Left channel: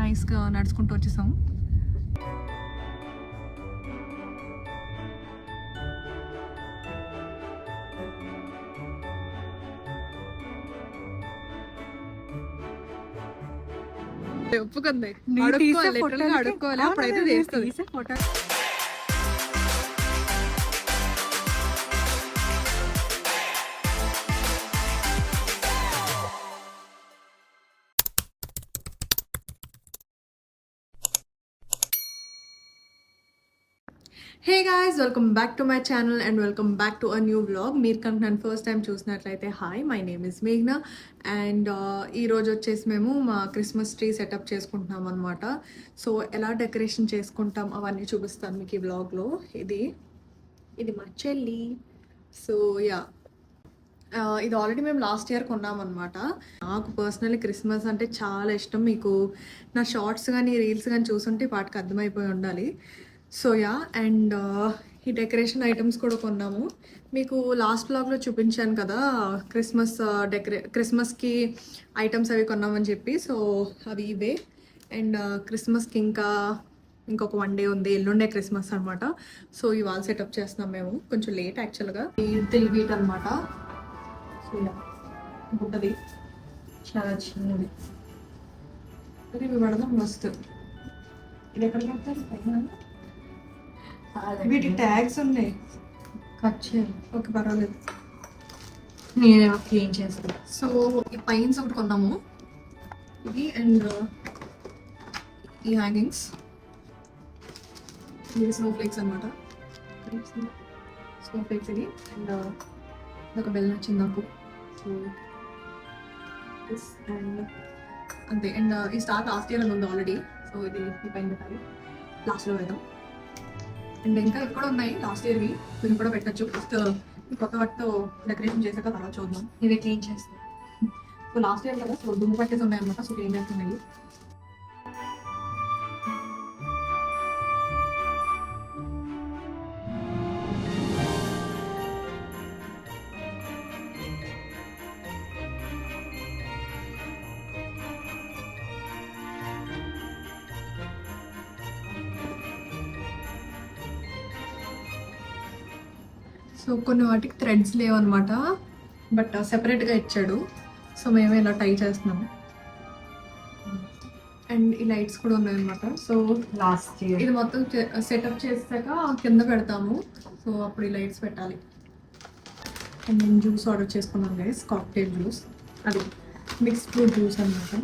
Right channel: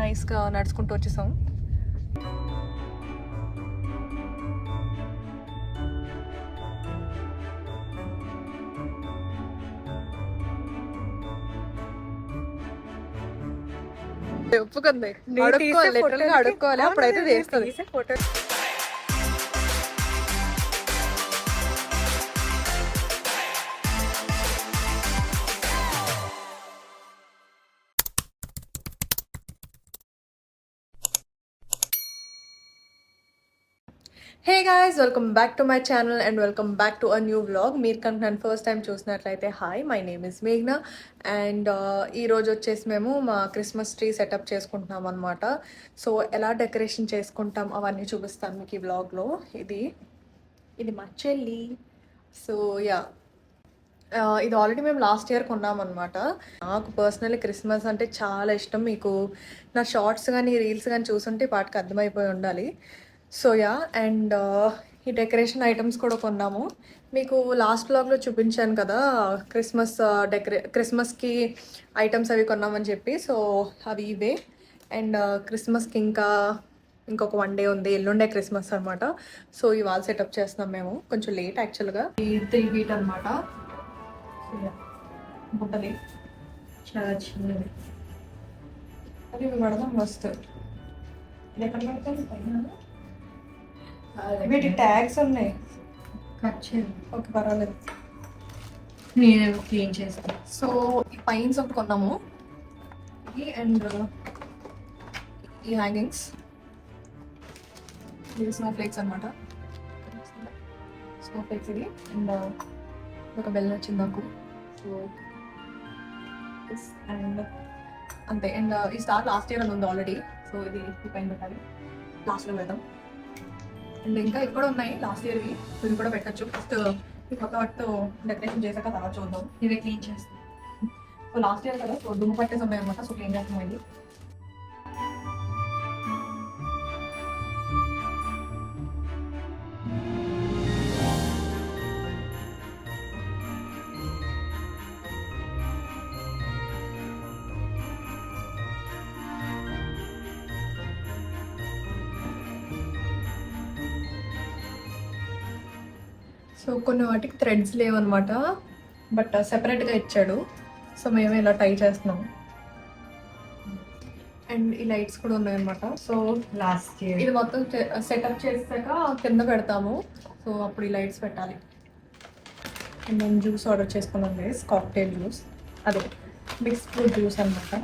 నైస్గా నడుచుకుంటూ వచ్చేసాం. ఒప్పుకుంది, అడుక్కోవాలి, లిటరల్గా అడుక్కోవాలి, అప్పుడైతే చేస్తుంది. Photo hey guys, welcome back to my channel and welcome back to a new vlog. మీరు కనుక నన్ను ఫస్ట్ టైం చూసినట్లయితే హాయ్, మై నేమ్ ఇస్ మేఘ్నా. అండ్ ఈరోజు వచ్చేసి మేము మా క్రిస్మస్ ట్రీ సెటప్ చేసుకుంటున్నాం అనమాట. సో ఎలా డెకరేషన్ చేసుకుంటాం అవన్నీ చూపిస్తాను మీకు ఈ వ్లాగ్లో. ఇది మా చెల్లి. సో యా, ఇది ఆల్రెడీ మేము లాస్ట్ ఇయర్ కొన్నామన్నమాట. నాకు పర్సనల్లీ క్రిస్మస్ అంటే చాలా ఇష్టం. మీకు నా షార్ట్స్ కానీ రీల్స్ కానీ చూసుంటే వాటికి అర్థమైపోయి ఉండాలి. సో యా, అండ్ ఈ డెకరేషన్ ఐటమ్స్ కూడా కొన్నాము. మీకు లాస్ట్ బ్లాగ్లో చూపించాను కదా క్రిస్మస్కి ఐటమ్స్ అవి కొన్నామని చెప్పి. సో అవి ఇవే. అండ్ క్రిస్మస్కి ఇంకొక 1 డే ఉంది, ఎల్లుండే క్రిస్మస్ అనమాట. సో ఇవాళ సెటప్ చేస్తున్నాం మేము, కొంచెం లేట్ యాక్చువల్గా. ఈ 3 feet అనమాట. సో యా, ఉంటుంది చాలా చిన్నది. అది ఇవి పడదాం మస్తు. ఇది ఎక్కడ పెడతారు పైన? వీటి ట్యాగ్స్ ఉన్నాయి. కట్ చేయాలి. ఓకే, పర్వాలేదు. నేను క్లీన్ చేస్తాను. సో ఈ పైన్స్ ఒకటి కొన్నాము, ఇది. అండ్ ఈ హ్యాంగింగ్స్, ఇది స్నో ఫ్లేక్స్ అనమాట. స్నో ఫ్లేక్స్ ఇది. అండ్ ఇదొక బెల్ వచ్చింది నాకు. సో అండ్ అంతే. అండ్ ఈ స్టార్ లాస్ట్ ఇయర్ అని ఉంది ఆల్రెడీ. సో ఇది ఈ పైన పెట్టాలి, లాస్ట్లో పెడదాం. అండ్ ఇంకా ఇక్కడ ఉన్నాయి లాస్ట్ ఇయర్వి, మీరు కూడా పెట్టచ్చు. ఫస్ట్ ఈ కొత్త వాటితో డెకరేషన్ చేశాక తర్వాత చూద్దాం. ఇవి క్లీన్ చేస్తాను. సో లాస్ట్ ఇయర్ కదా, సో దుమ్ము పట్టేసి ఉన్నాయి అనమాట. సో క్లీన్ చేస్తాం ఇది. సో కొన్ని వాటికి థ్రెడ్స్ లేవన్నమాట, బట్ సెపరేట్గా ఇచ్చాడు. సో మేము ఇలా టై చేస్తున్నాం. అండ్ ఈ లైట్స్ కూడా ఉన్నాయన్నమాట. సో లాస్ట్ ఇయర్ ఇది మొత్తం సెటప్ చేసాక కింద పెడతాము. సో అప్పుడు ఈ లైట్స్ పెట్టాలి. అండ్ నేను జ్యూస్ ఆర్డర్ చేసుకున్నాను గైస్, కాక్టైల్ జ్యూస్. అదే మిక్స్డ్ ఫ్రూట్ జ్యూస్ అనమాట.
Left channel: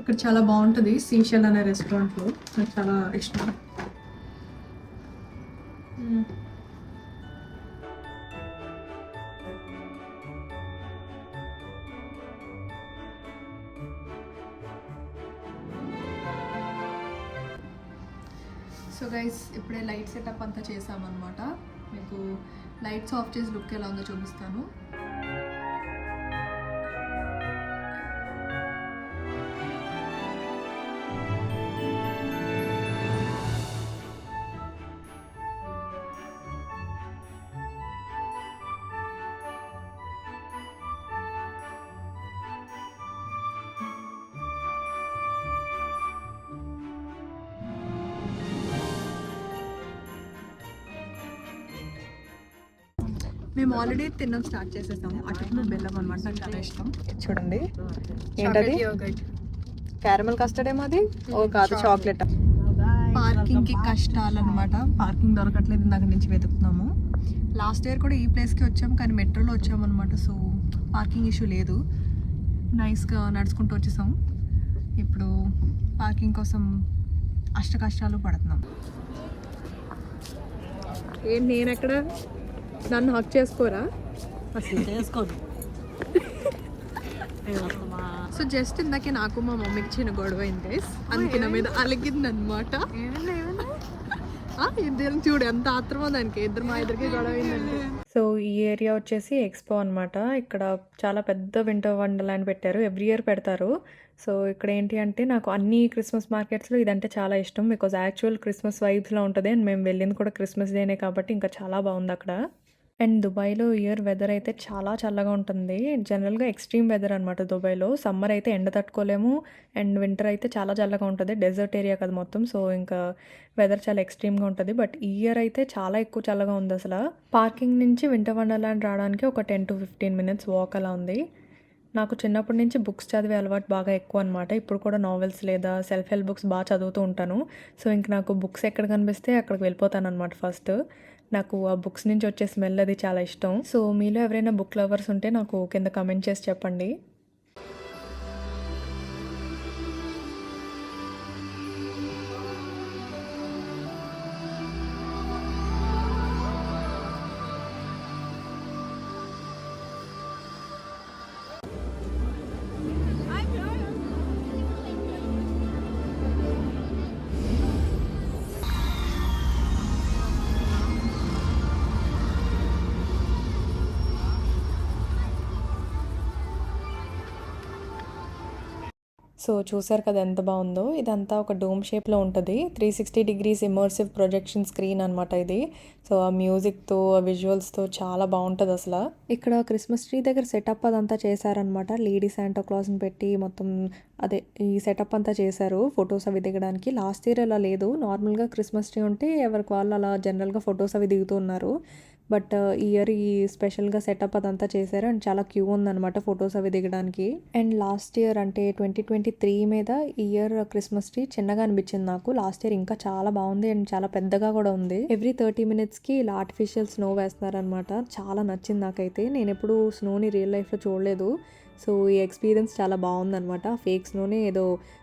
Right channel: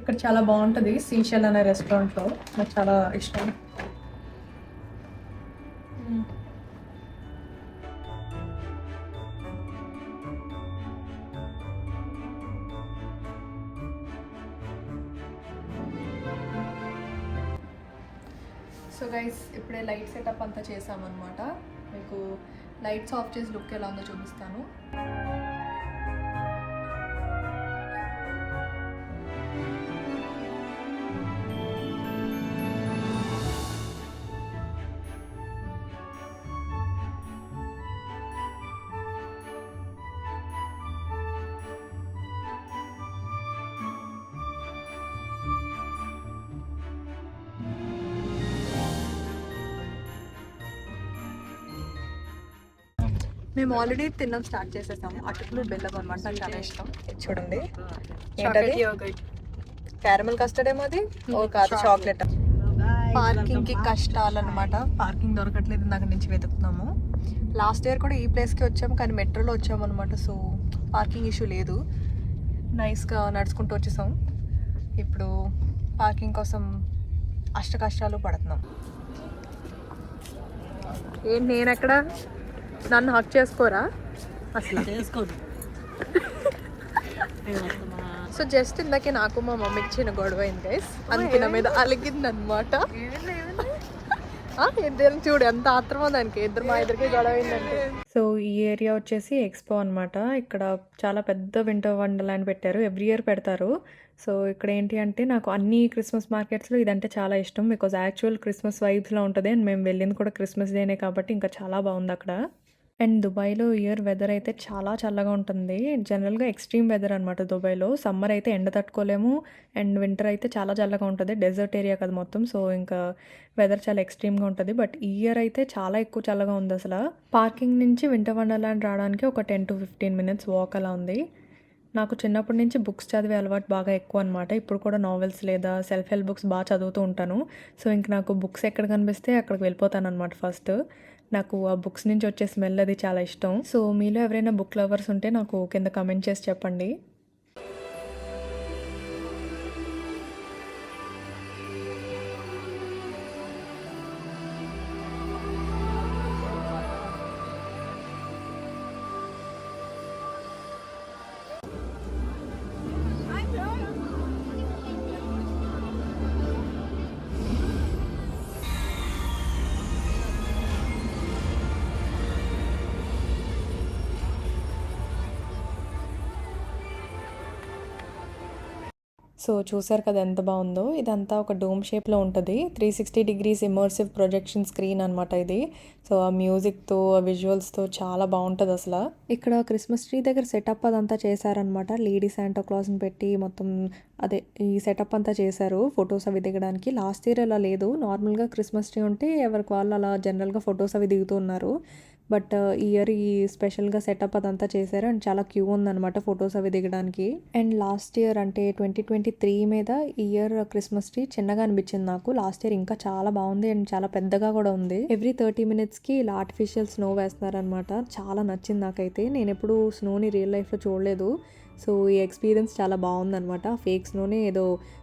ఇక్కడ చాలా బాగుంటుంది, సీషెల్ అనే రెస్టారెంట్లో. నాకు చాలా ఇష్టం. సో గైస్, ఇప్పుడే లైట్ సెటప్ అంతా చేసామన్నమాట. మీకు లైట్స్ ఆఫ్ చేసి లుక్ ఎలా ఉందో చూపిస్తాను. మేము ఆల్రెడీ తినడం స్టార్ట్ చేసేసాము. అటుకులు బెల్లం అనమాట, నాకు చాలా ఇష్టం. చూడండి, ఏంటది? క్యారమల్ కస్టర్డ్ ఏమో అది. ఓ కాదు, చాక్లెట్. పార్కింగ్కి కష్టాలు అనమాట. పార్కింగ్ దొరకట్లేదు, ఇందాక నుంచి వెతుకుతున్నాము. లాస్ట్ ఇయర్ కూడా ఈ ప్లేస్కి వచ్చాము, కానీ మెట్రోలో వచ్చాము అనమాట. సో పార్కింగ్ ఇష్యూ లేదు, నైస్గా నడుచుకుంటూ వచ్చేసాం. ఇప్పుడు పార్కింగ్ కోసం అష్ట కష్టాలు పడుతున్నాం. నేను ఎక్కడ నన్ను హక్ చేసుకోరా అసలు? చేసుకోదు. సో జస్ట్ ఇందాకే నాకు మా మమ్మీకి చిన్న గొడవ అయింది గైస్. అందుకే నా మీద అలిగింది అనమాట. ఇద్దరు చూడు ఎంత ఆత్రమో దానికి. మా ఇద్దరికి గొడవ అయిందంటే. సో ఈ ఏరియా వచ్చేసి ఎక్స్పో అనమాట. ఇక్కడ చాలా పెద్ద వింటర్ వండర్లాండ్ పెట్టారు, ఎవ్రీ ఇయర్ పెడతారు. సో ఇక్కడ ఏంటి అంటే, నాకు అన్ని క్రిస్మస్ మార్కెట్స్లో ఇదంటే చాలా ఇష్టం. బికాజ్ యాక్చువల్ క్రిస్మస్ వైబ్స్లో ఉంటుంది. అండ్ మేము వెళ్ళింది కూడా క్రిస్మస్ డేనే కాబట్టి ఇంకా చాలా బాగుంది అక్కడ. అండ్ దుబాయ్‌లో ఇయర్ వెదర్ అయితే చాలా చల్లగా ఉంటుంది. జనరల్‌గా ఎక్స్‌ట్రీమ్ వెదర్ అనమాట దుబాయ్‌లో. సమ్మర్ అయితే ఎండ తట్టుకోలేము. అండ్ వింటర్ అయితే చాలా చల్లగా ఉంటది. డెజర్ట్ ఏరియా కదా మొత్తం. సో, ఇంకా వెదర్ చాలా ఎక్స్‌ట్రీమ్‌గా ఉంటది. బట్ ఈ ఇయర్ అయితే చాలా ఎక్కువ చల్లగా ఉందసల. పార్కింగ్ నుంచి వింటర్ వండర్‌లాండ్ రావడానికి ఒక 10-15 మినిట్స్ వాక్ అలా ఉంది. నాకు చిన్నప్పటి నుంచి బుక్స్ చదివే అలవాటు బాగా ఎక్కువ అనమాట. ఇప్పుడు కూడా నావెల్స్ లేదా సెల్ఫ్ హెల్ప్ బుక్స్ చదువుతూ ఉంటాను. సో, ఇంక నాకు బుక్స్ ఎక్కడ కనిపిస్తే అక్కడికి వెళ్ళిపోతాననమాట ఫస్ట్. నాకు ఆ బుక్స్ నుంచి వచ్చే స్మెల్ అది చాలా ఇష్టం. సో, మీలో ఎవరైనా బుక్ లవర్స్ ఉంటే నాకు కింద కామెంట్ చేసి చెప్పండి. సో, చూసారు కదా ఎంత బావుందో. ఇదంతా ఒక డోమ్ షేప్‌లో ఉంటది. 360 డిగ్రీస్ ఇమ్మర్సివ్ ప్రొజెక్షన్ స్క్రీన్ అనమాట ఇది. సో, ఆ మ్యూజిక్‌తో, ఆ విజువల్స్‌తో చాలా బావుంటదసల. ఇక్కడ క్రిస్మస్ ట్రీ దగ్గర సెటప్ అదంతా చేశారనమాట. లేడీ శాంటా క్లాస్‌ని పెట్టి మొత్తం అదే ఈ సెటప్ అంతా చేశారు. ఫోటోస్ అవి దిగడానికి. లాస్ట్ ఇయర్ అలా లేదు. నార్మల్‌గా క్రిస్మస్ ట్రీ ఉంటే ఎవరికి వాళ్ళు అలా జనరల్‌గా ఫోటోస్ అవి దిగుతూ ఉన్నారు. బట్ ఈ ఇయర్ ఈ స్పెషల్‌గా సెటప్ అదంతా చేశారు. అండ్ చాలా క్యూ ఉందనమాట ఫోటోస్ అవి దిగడానికి. అండ్ లాస్ట్ ఇయర్ అంటే 2023 మీద ఈ ఇయర్ క్రిస్మస్ ట్రీ చిన్నగా అనిపించింది నాకు. లాస్ట్ ఇయర్ ఇంకా చాలా బాగుంది అండ్ చాలా పెద్దగా కూడా ఉంది. ఎవ్రీ 30 మినిట్స్‌కి ఇలా ఆర్టిఫిషియల్ స్నో వేస్తున్నారనమాట. చాలా నచ్చింది నాకైతే. నేను ఎప్పుడు స్నోని రియల్ లైఫ్‌లో చూడలేదు. సో, ఈ ఎక్స్పీరియన్స్ చాలా బాగుందనమాట. ఫేక్ స్నోని ఏదో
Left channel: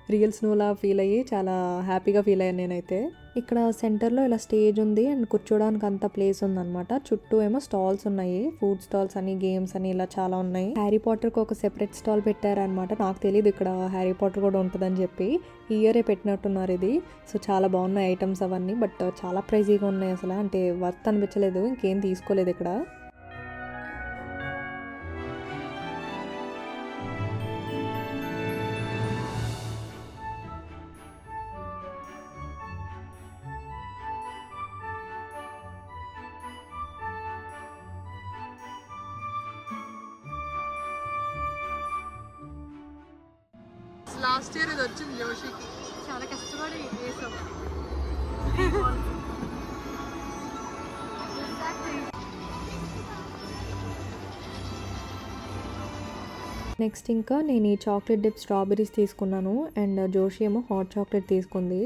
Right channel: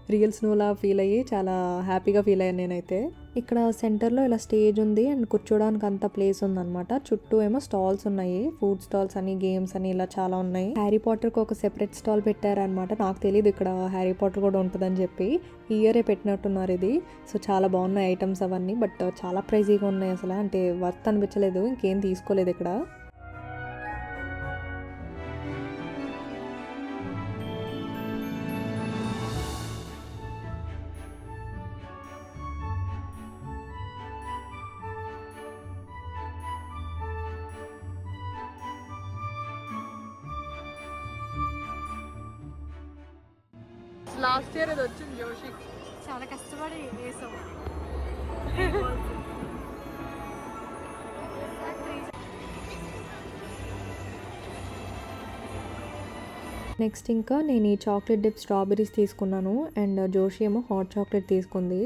రియల్ స్నోలా ఫీల్ అయ్యి చాలా హ్యాపీగా ఫీల్ అయ్యాను నేనైతే. ఇక్కడ సెంటర్‌లో ఇలా స్టేజ్ ఉంది అండ్ కూర్చోడానికి అంత ప్లేస్ ఉందనమాట. చుట్టూ ఏమో స్టాల్స్ ఉన్నాయి. ఫుడ్ స్టాల్స్ అని, గేమ్స్ అని ఇలా చాలా ఉన్నాయి. హ్యారీ పాటర్‌కి ఒక సెపరేట్ స్టాల్ పెట్టారనమాట. నాకు తెలీదు ఇక్కడ హ్యారీ పాటర్ కూడా ఉంటుందని చెప్పి. ఈ ఇయరే పెట్టినట్టున్నారు ఇది. సో, చాలా బాగున్నాయి ఐటమ్స్ అవన్నీ. బట్ చాలా ప్రైజీగా ఉన్నాయి అసలు. అంటే వర్త్ అనిపించలేదు. ఇంకేం తీసుకోలేదు ఇక్కడ. లాస్ట్ ఇయర్ ఇది వచ్చింది జోషికి. చాలా కష్టపడి వేసాం. నెక్స్ట్ ఇంకా నేను ఈ చాక్లెట్ డిప్ స్ట్రాబెర్రీస్ తీసుకున్నాను అండ్ జోషి ఏమో హాట్ చాక్లెట్ తీసుకుంది.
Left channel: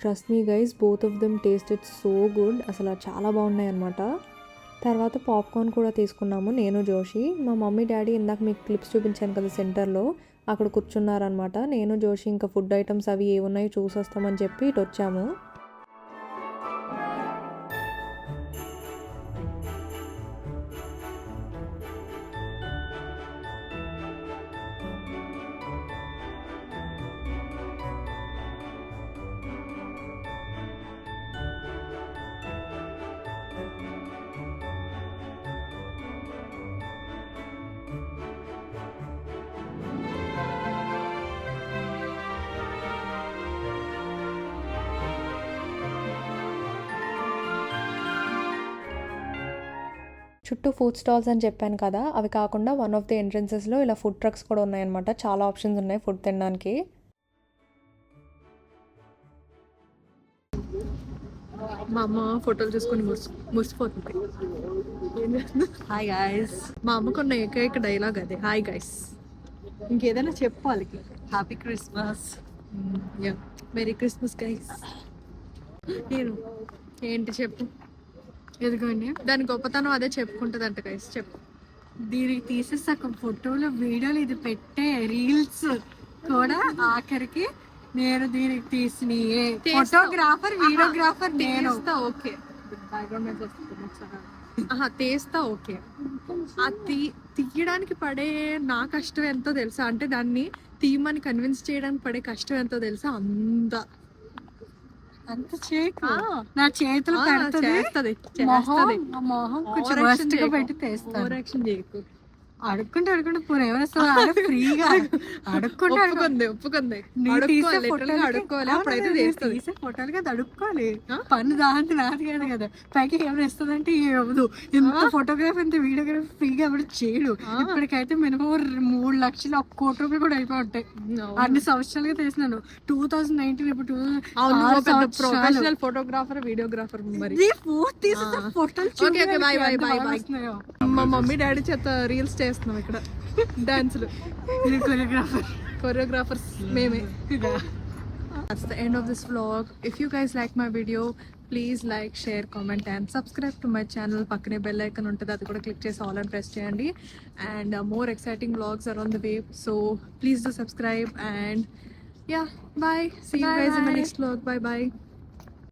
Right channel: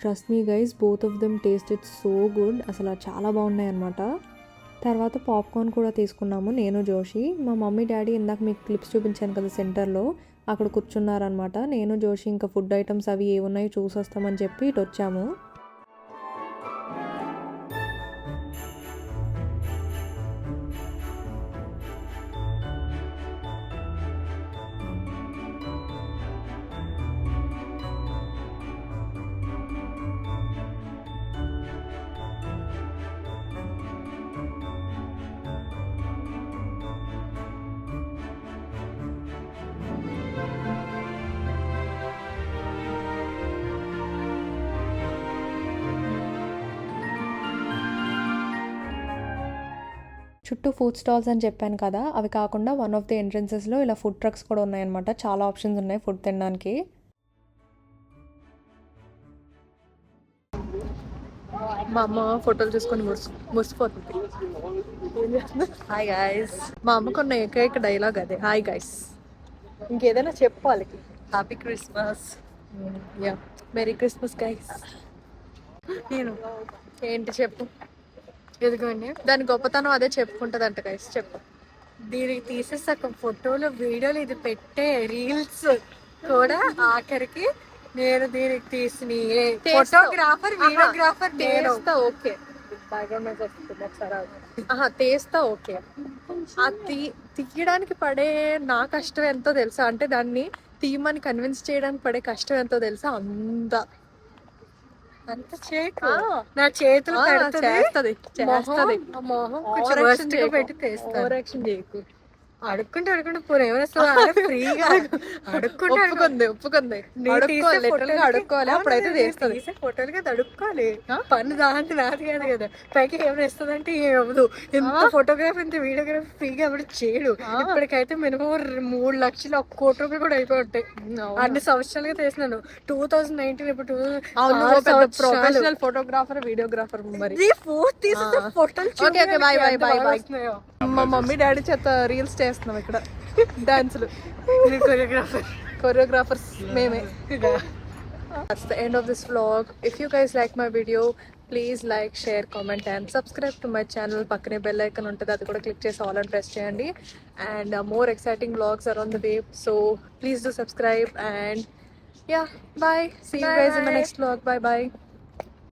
Trust me guys, both of them tasted so good. అసలు చాలా బాగున్నాయి అనమాట. తర్వాత పాప్కార్న్ కూడా తీసుకున్నాము నేను జోషి. మా మమ్మీ డాడీ ఇందాక మీకు క్లిప్స్ చూపించాను కదా సెంటర్లో, అక్కడ కూర్చున్నారనమాట. నేను జోషి ఇంకా ఫుడ్ ఐటమ్స్ అవి ఏమున్నాయో చూసి వస్తామని చెప్పి ఇటు వచ్చాము. చుట్టూ ఫుడ్ స్టాల్స్ అని చెప్పాను కదా, అవి కాకుండా వన్ ఆఫ్ ది ఎంట్రన్సెస్లో ఇలా ఫుడ్ ట్రక్స్ కూడా ఉన్నాయన్నమాట. చాలా ఆప్షన్స్ ఉన్నాయి ఫుడ్ తినడానికి. మా అమ్మ ఫోటోలు చూసుకొని మురిసిపోతుంది. Hi guys. మా అమ్మకున్న ఏకైక డైలాగ్ అదే, హాయ్ గైస్. ఇంకేదైనా చెప్పు వాళ్ళకి. Happy Christmas. Yeah, merry Christmas guys. నేను ఏంటి చెప్పు. ఎదుగోండి, దాని గొప్పతనం అదే చెప్పుకుంటదంట గైస్. చెప్పు. దీనికి తీసేసాక ఫోటోలు, వీడియోలు, ఇది పెట్టే రీల్స్ కూడా ఆఖరికి నేను దీనికి తీసిన ఫోటోగ్రాఫర్, వీడియోగ్రాఫర్ నేను. ఓకే, బ్యాక్గ్రౌండ్ మ్యూజిక్ వస్తుంది ఒకసారి. తీస్తా ఓకే. ఆ తీయడానికి పడే నా కష్టం ఎంతో తెలుసా, అంటే దాన్ని తీయమని కన్విన్స్ చేయడానికి పడే కష్టం ఎంతో తెలుసా. అంత చేయకు, నా చేతులు పెడుతుంది, మొహం కొంచెం worst గా పెట్టి తీస్తాను. ఓవర్ యాక్షన్ చేయకు. అడుక్కుంటే పోనీ ఏమేస్తా ఫ్రీగా అడుక్కుంటే ఒప్పుకుంది నీ అడుక్కోవాలి తీసే literally గా అడుక్కోవాలి అప్పుడైతే చేస్తుంది తీసే ఫోటోలకి అది అడుక్కోవాలి పన్ను దాంతి నాది కాదు కదా పైకి ఏమైనా ఇస్తుందంటే ఏమవుదు ఎంత ఫోటోగ్రఫీ ఎంత వీడియోగ్రఫీ ఫ్రీగా ఎవరు చేయడు ఇప్పటికైతే మినిమం 3 లక్షలు 1 కోటి రూపాయలు కూడా అయిపోయి ఉంటాయి అన్ని సంవత్సరాలుగా చేసినాను 2019 ఇప్పుడు ప్రొఫెషనల్ ఫోటోగ్రాఫర్ వీడియోగ్రాఫర్ మరి ఫోటోలు okay okay bye bye bye bye మా మమ్మీ డాడీ చేత రీల్స్ చేస్తున్నాం ఇక్కడ డాన్సులు కొరియోగ్రాఫర్స్ మేమే That's the end of this vlog. If you guys like my video, please like, share, comment and subscribe to my channel. పక్కనే bell icon ఉంటుంది అది కూడా click చేసి all and press చేయండి. And more exciting vlogs are on the way. So please do subscribe and yeah, bye. See you guys in the next vlog. Bye bye.